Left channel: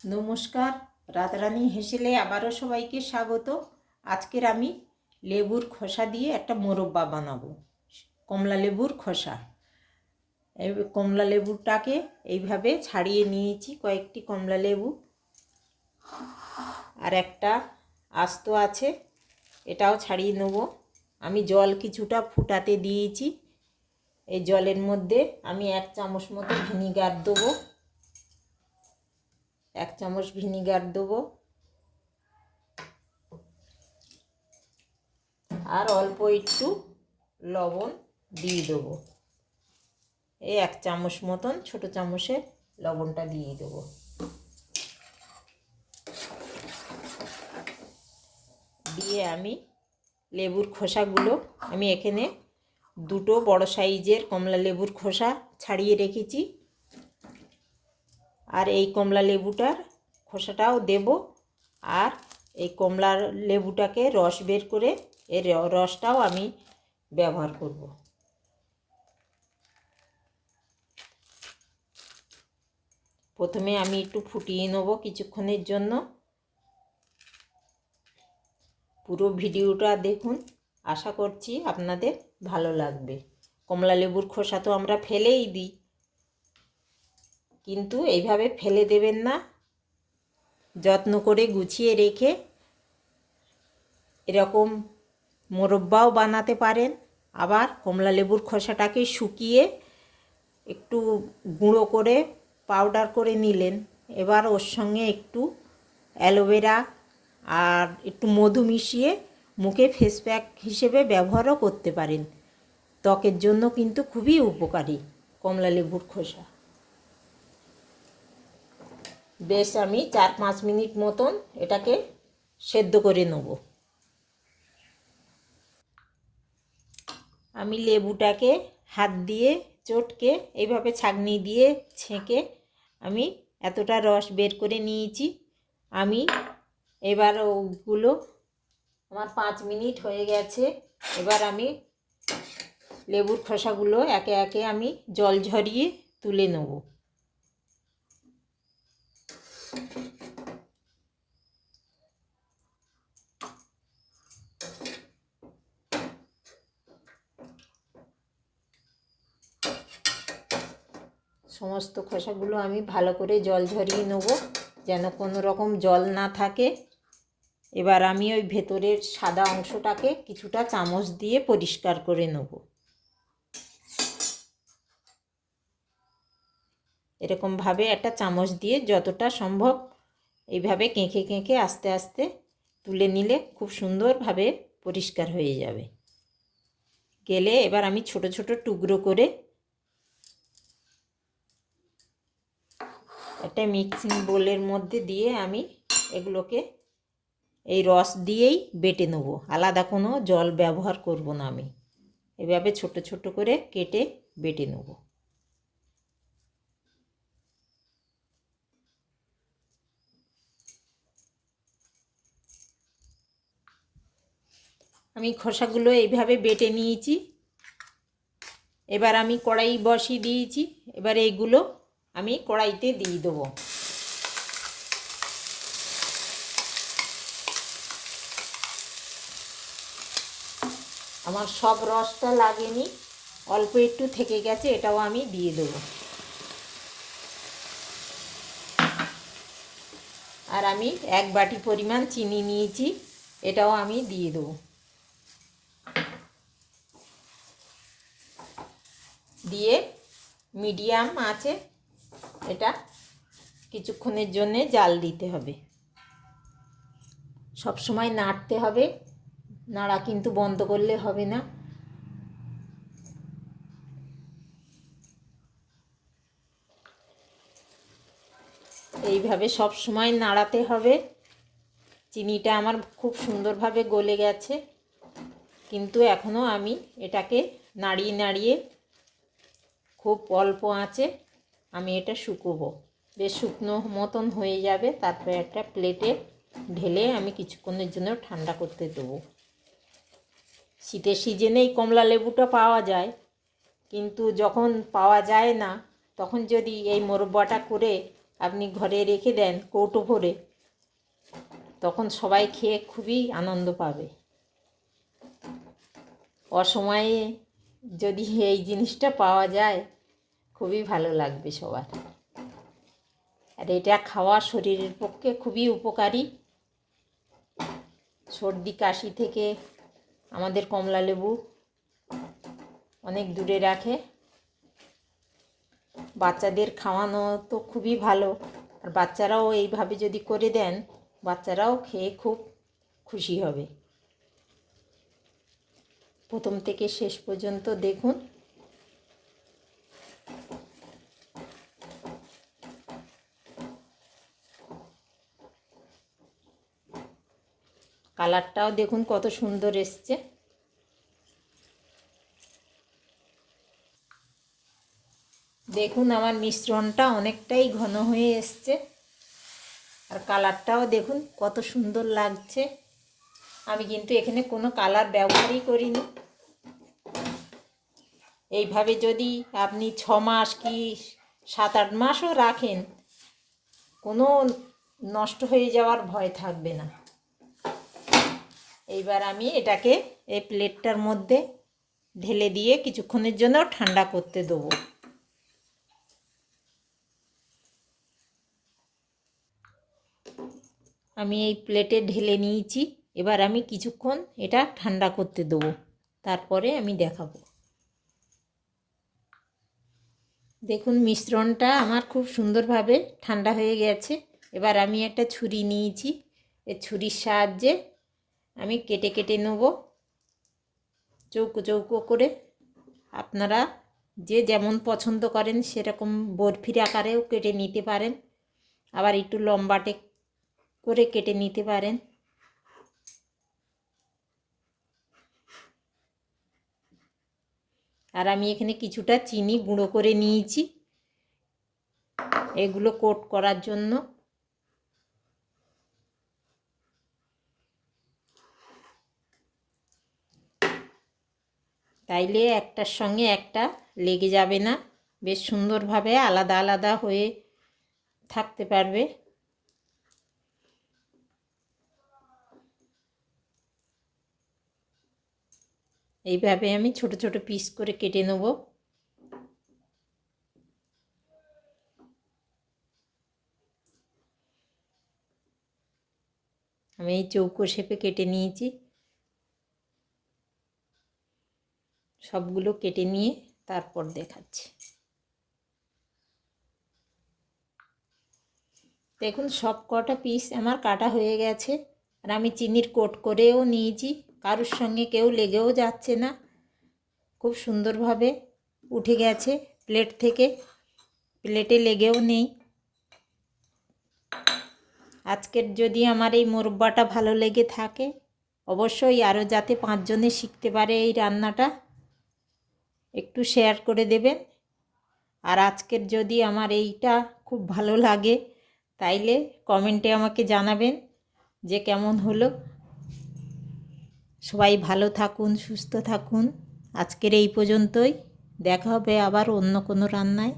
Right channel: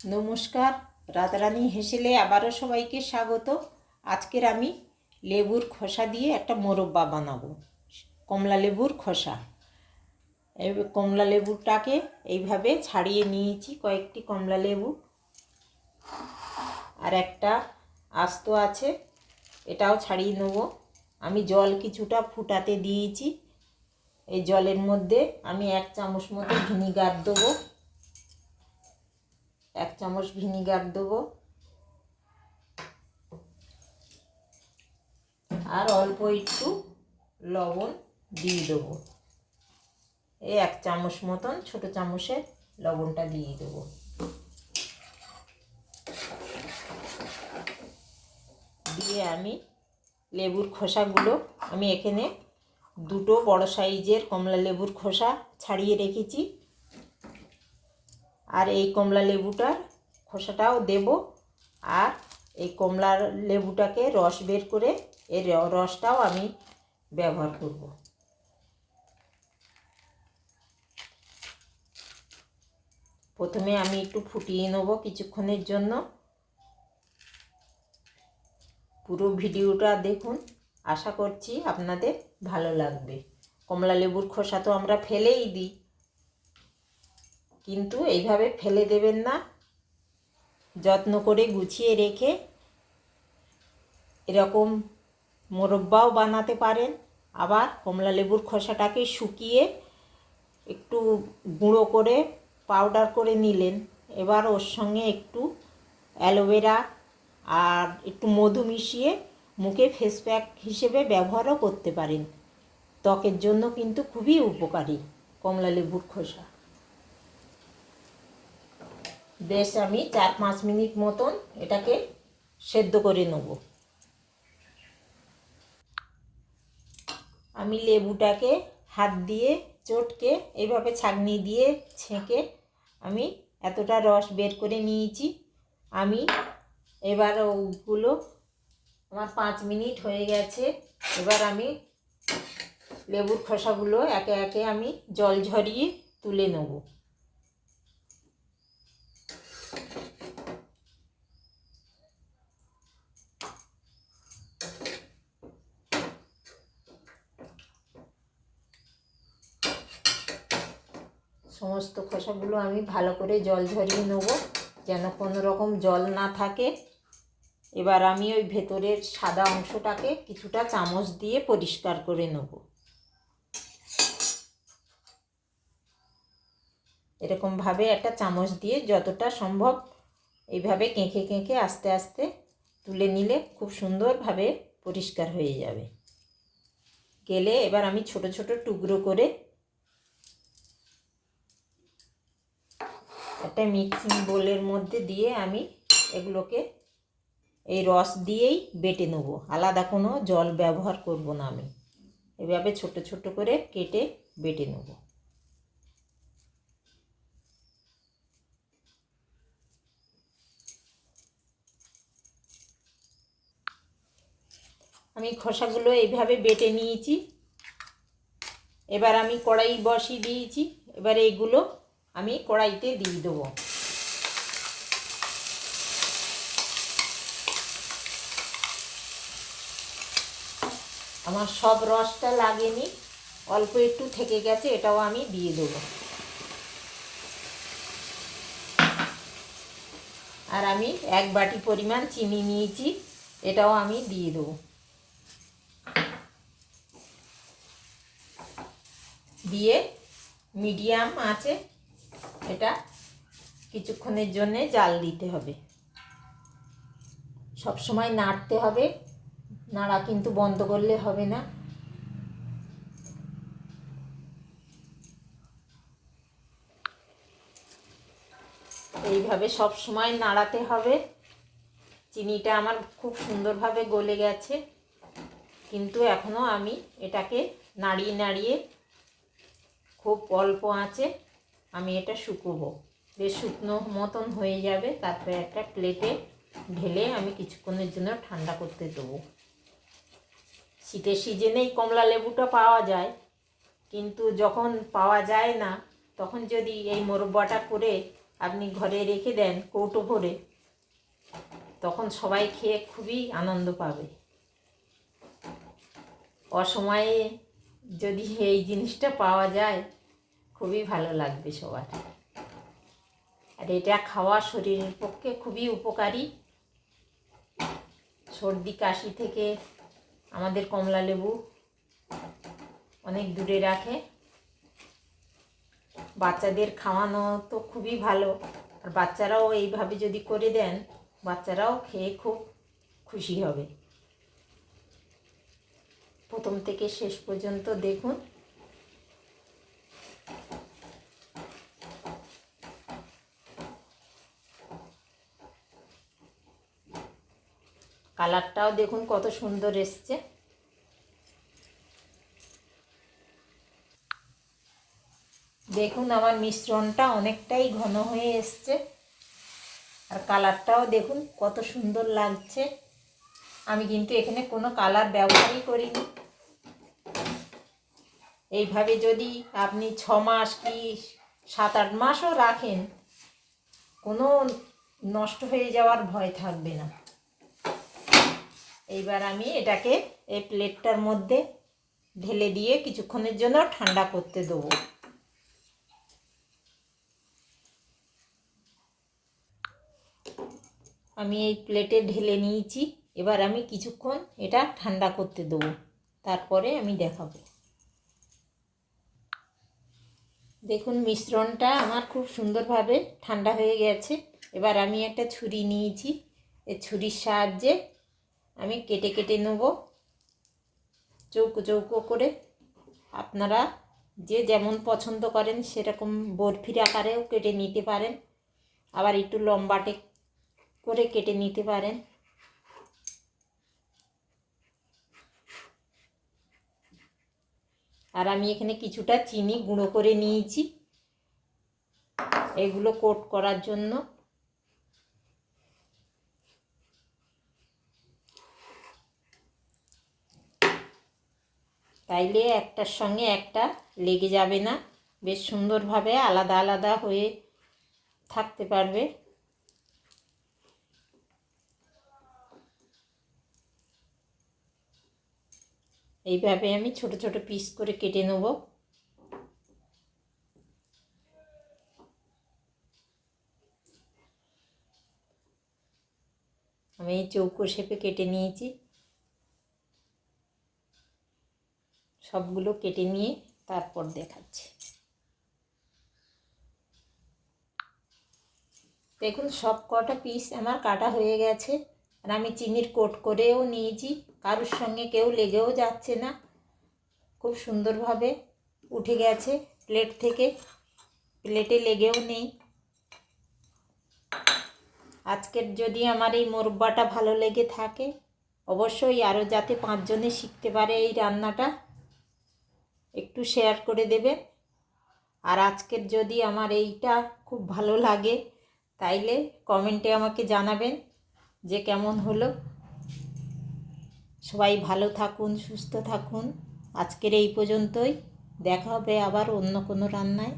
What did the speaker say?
নমস্কার, রাধারানী হেসেলে আবারও সবাইকে স্বাগত। আজকের আমি লেবুর খোসা দিয়ে একটা মোরব্বা বানাবো। কমলা লেবুর খোসা। এই কমলা লেবুটাকে এইভাবে ছাড়িয়ে নিয়েছি, কয়েকটি কমলা লেবু আর একটা আস্ত আছে, এটাও ছাড়িয়ে নেব। আমি জল কিছুটা ফুটাতে দিয়েছি। এই জলের মধ্যে আমি 1 চামচ মতো ভিনিগার দেবো। 1 চামচ ভিনিগার দেবো আর অল্প একটু লবণ দিয়ে দেবো। এই 1 চামচ মতন ছোটো চামচে লবণটা দিয়ে দেবো। দিয়ে আমি লেবুর খোসাগুলো, আমি এখানে 2টো বড় সাইজের কমলা লেবুর খোসা ছাড়িয়ে রেখেছি, আর এই কমলা লেবুটার খোসাটাও দেব। আর এই কমলা লেবুটাকে রস বের করে এর রসটাও আমি ব্যবহার করব। প্রথমে আমি একটু ফুটিয়ে নেব কিছুক্ষণের জন্য। পুরো ভিডিওটা দেখুন, আশা করছি আপনাদের ভালো লাগবে। কমলা লেবুর খোসা তো আমরা ফেলেই দিই, কিন্তু এইভাবে ফেলে দেবেন না। যত্ন করে গুছিয়ে রেখে এরকম মোরব্বাও বানাতে পারেন। আবার কমলা লেবুর খোসাটাকে শুকিয়ে একটু গুঁড়ো করে পাউডার করে নিলেন। এবার ওর সঙ্গে একটু অ্যালোভেরা আর একটু মধু মিশিয়ে মুখে ফেস প্যাক হিসেবে ব্যবহারও করতে পারেন। ত্বকের জন্য কিন্তু খুবই উপকারী কমলা লেবুর খোসা। বেশ আমি 4-5 মিনিট মতন এটাকে সেদ্ধ করে নেব। আমি লেবুটাকে হাত দিয়ে চটকে এইভাবে ছাঁকনি দিয়ে ছেঁকে আমি এতটা রস বের করে নিয়েছি। আমি এবার ওগুলো আমার 5 মিনিট হয়ে গেছে। এবার আমি লেবুর খোসাগুলো একে একে আমি জল ঝরিয়ে তুলে নেব। সমস্ত খোসাগুলো আমি ভালো করে জল ঝরিয়ে নেব, যেন কোনো রকম জল না থাকে। এবার আমি ওই ভেতরের সাদা অংশটাকে কিছুটা চামচ দিয়ে পরিষ্কার করে নেব। এরকমভাবে একটা চামচ দিয়ে যতটা সম্ভব এইভাবে কেঁকে কেঁকে আস্তে আস্তে তুলে নিলে খুব সুন্দরভাবে পরিষ্কার হয়ে যাবে। গেলে এবার আমি ছোট ছোট টুকরো করে একটা মিক্সিং বোলের মধ্যে দিয়ে আমি এগুলোকে এই রস দিয়েই বেটে নেব। আলাদা কোনো জল ব্যবহার করব না। আমি এভাবে ছোট ছোট করে কেটে বেটে নেব। আমি খোসাগুলো এইভাবে বেটে নিয়েছি। এবার আমি কড়াই বসিয়ে দিয়েছি। এবার এইগুলো আমি কড়াইতে দিয়ে দেবো। আমার সব রসটা লাগেনি, অল্প একটু থেকে গেছে, এটাও আমি দিয়ে দেবো। আর আমি 1 বাটি পরিমাণ চিনি নিয়েছি, এটাও আমি দিয়ে দেবো। দিয়ে মিডিয়াম আঁচে এটা কিছুক্ষণের জন্য জাল দিতে হবে। সব সময় নাড়তে হবে, নাড়া কিন্তু বন্ধ করলে হবে না। এইভাবে সব সময় নাড়াতে হবে। চিনিটা আমার খুব সুন্দরভাবে গলে গেছে, কিন্তু এখনও আমি এটাকে নাড়িয়ে নাড়িয়ে খুব অল্প আঁচে আমি এটা শুকোবো। বেশ শুকনো মতন হয়ে যাবে, তারপরে একটা প্লেটে ঢেলে আমি কিছুক্ষণের জন্য ঠান্ডা করতে দেবো। শীতের সিজনেই কমলা লেবুটা পাওয়া যায়, কিন্তু যখন পাওয়া যায় না তখন যদি এই মোরব্বাটা করে আপনি ঘরে রেখে দেন কৌটো ভরে, তখন সবাই খেয়ে খুবই আনন্দ পাবে। অসময়ে যদি এই জিনিসটা পাওয়া যায় খুবই ভালো লাগবে সবার। আর এটা খাওয়া শরীরের পক্ষে খুবই উপকারী। সর্দি কাশি থেকে আমাদের কমলা লেবু অনেক দূরে রাখে। বাচ্চাদের খাওয়ানো তো খুবই ভালো, আর বাচ্চারাও এইভাবে যদি করে দেন বাচ্চারাও খেয়ে খুব খুশি হবে। প্রথম থেকে শেষ পর্যন্ত দেখুন। কালারটাও দেখুন কত সুন্দর এসছে। দেখুন আমার মিশ্রণটা অনেকটাই ঘন হয়ে এসছে, আর কালারটাও দেখুন কত সুন্দর লাগছে। আমি কিন্তু এখানে কোনো কালার ব্যবহারই করিনি। এইভাবে যদি আপনি 6 মাস কি 7-8 মাসও রাখেন, কোনো নষ্ট হয়ে যাওয়ার ভয় থাকবে না। এইবার আমি এটাকে এই প্লেটটার মধ্যে ঢেলে দিয়ে কিছুক্ষণের জন্য ঠান্ডা করতে দেবো। আমি এই প্লেটে ঢেলে নিয়েছি। এবার আমি কিছুক্ষণ এটা ঠান্ডা করতে দেবো, তারপরে আমি দেখাবো। দেখুন মিশ্রণটা আমার খুব সুন্দরভাবে ঠান্ডা হয়ে গেছে। এবার আমি একটা ছুরি নিয়েছি, এই ছুরির সাহায্যে আমি কেটে কেটে নেব চৌকো চৌকো করে। আপনারা যে যেমন পছন্দ করেন সেরকম বরফির আকারেও কেটে নিতে পারেন, আবার একটু লম্বাটে করে কেটে নিতে পারেন। আর আমি এখানে কিছুটা চিনি গুঁড়ো করে নিয়েছি এগুলো কোট করার জন্য। তাইলে একটার সঙ্গে একটা লেগে যাবে না, বেশ সুন্দরভাবে আলাদা আলাদা হয়ে থাকতে পারবে। এইভাবে আমি ছোট ছোট পিস করে কেটে নেব। আমি এই চৌকো শেপে কেটে নিয়েছি। সবগুলো কেটে নিয়ে তারপর দেখাচ্ছি। দেখুন সব কটা পিস আমার কাটা হয়ে গেছে, আর আমি চিনির কোট করেও নিয়েছি। কারোর সঙ্গে কেউ লেগেও যাচ্ছে না, খুব সুন্দরভাবে উঠে গেছে প্লেট থেকে, প্লেটে লেগেও নেই। আজকের যদি আমার এই মোরব্বাটা ভালো লেগে থাকে, অবশ্যই আরও যাতে 5 জনে শিখতে পারে এই রান্নাটা, একটু শেয়ার করে দেবেন। আর আজকের যদি আমার এইটা খুব ভালো লাগে তাইলে কমেন্টে আমাকে জানাবেন যে কেমন হলো। সবাই ভালো থাকুন, সুস্থ থাকুন। আজকের এই পর্যন্তই, দেখা হবে আবার অন্য কোনো রান্নায়।